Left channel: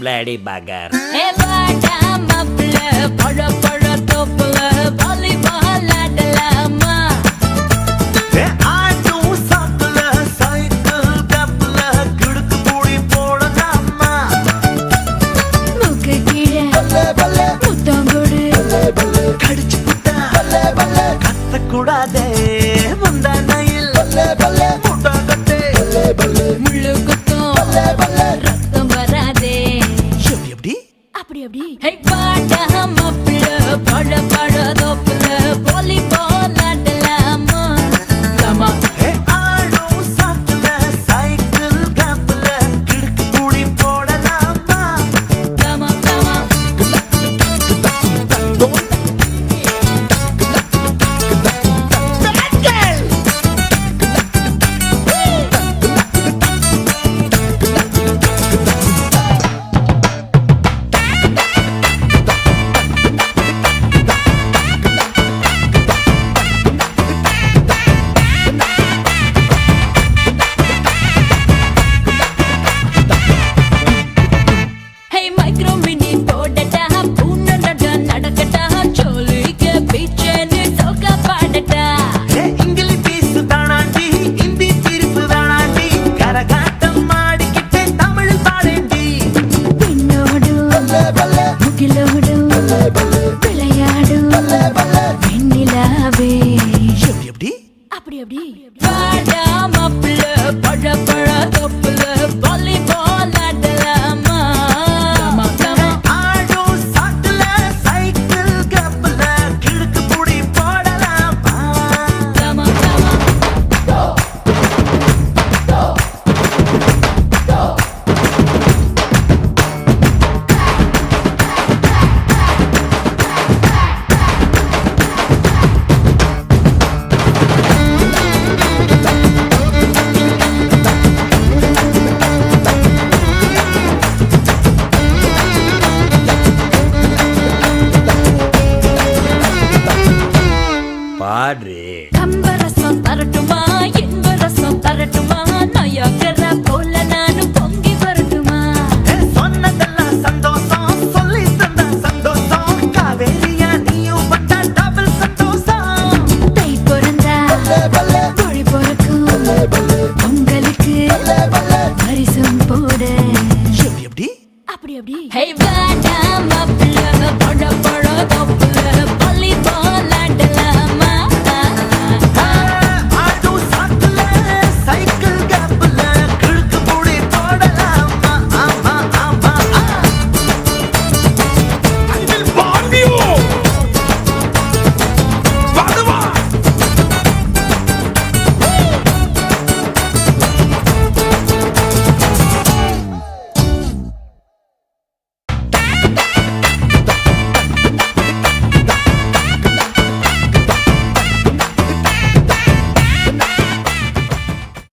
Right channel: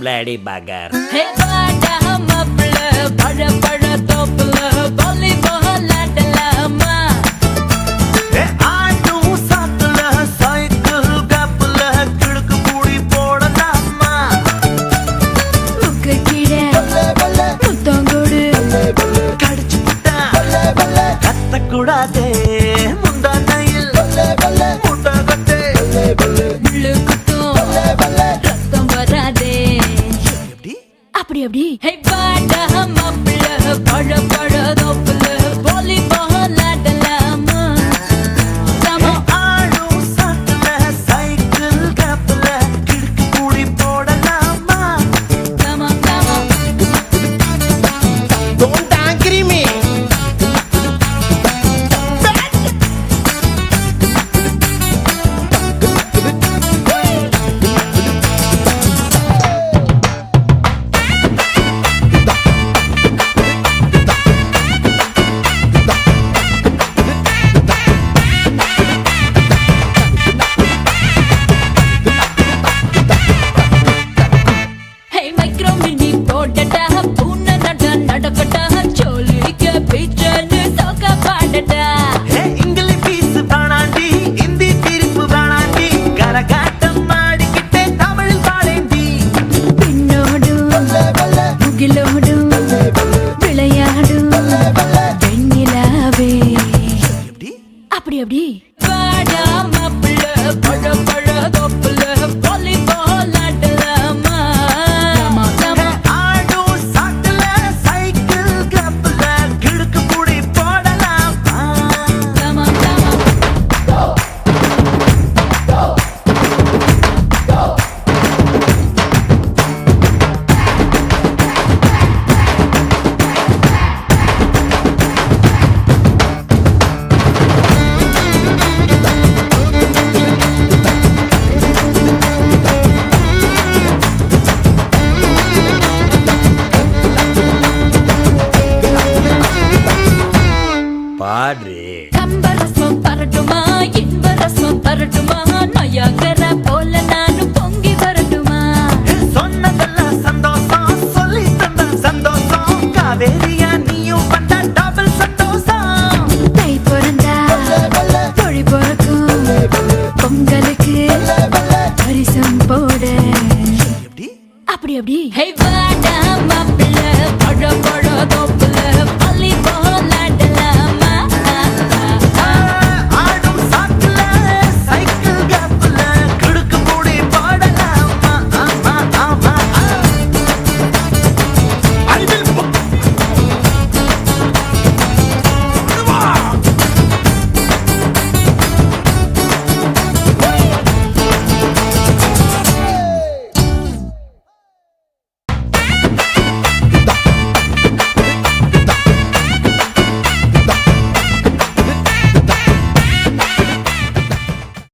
பிளேடி பகர். ஹே வாடா மாப்ள பழ பழ தோப்புல வாலிபால் ஆடலாமா? ஏ ஆட்டும் சாக்குல சைக்கிள் கப்புல கிடுக்கு கூடி போடலாமா? முக்கு கீழே முத்தங்கொடு கடிச்சு புட்டா கத்தக்கூடாதே முந்தானையில் முட்டை கட்டே முள்ளு குத்தும் ரத்தம் வராதே. எப்படி அப்படி அப்படி ஹே வாடா மாப்ள பழ பழ தோப்புல வாலிபால் ஆடலாமா? கமா கமா ஆடும் சாக்குல சைக்கிள் கப்புல கிடுக்கு கூடி போடலாமா? கமா கமா Don't agree me. Bad girl. Hey micro mini போடட்டா பூனை நட நடக்கட்டா சோலிக்க பீச்சனு சோக பாடட்டா. ஏ இங்கிலீஷ் பீஸ் தானாண்டி இந்தி தீர்ப்பு தானாண்டி கரகாட்டம் ஆடிக்கிட்டே தமிழ் பாடேண்டி பின்னோடும் முகிலோடும் விளையாடும் வெண்ணிலாவே. எப்படி அப்படி அப்படி வாடா மாப்ள பழ பழ தோப்புல வாலிபால் ஆடலாமா? ஆடும் சாக்குல சைக்கிள் கப்புல கிடுக்கு கூடி போடலாமா? கமா கமா பாடு. கம்பரசம் தரட்டுமா இன்பரசம் தரட்டுமா நயாகர போல நானும் பொங்கி வரட்டுமா? ஏ சொன்னதெல்லாம் சந்தோஷம் சொல்லி தந்த சந்தோஷம் காவேரியா நீயும் வந்த டபுள் சந்தோஷம் தை பிறந்தா மொழி பிறக்கும் பொங்கலுக்கு பரிசம் போடு. எப்படி அப்படி அப்படி ஹே வாடா மாப்ள பழ பழ தோப்புல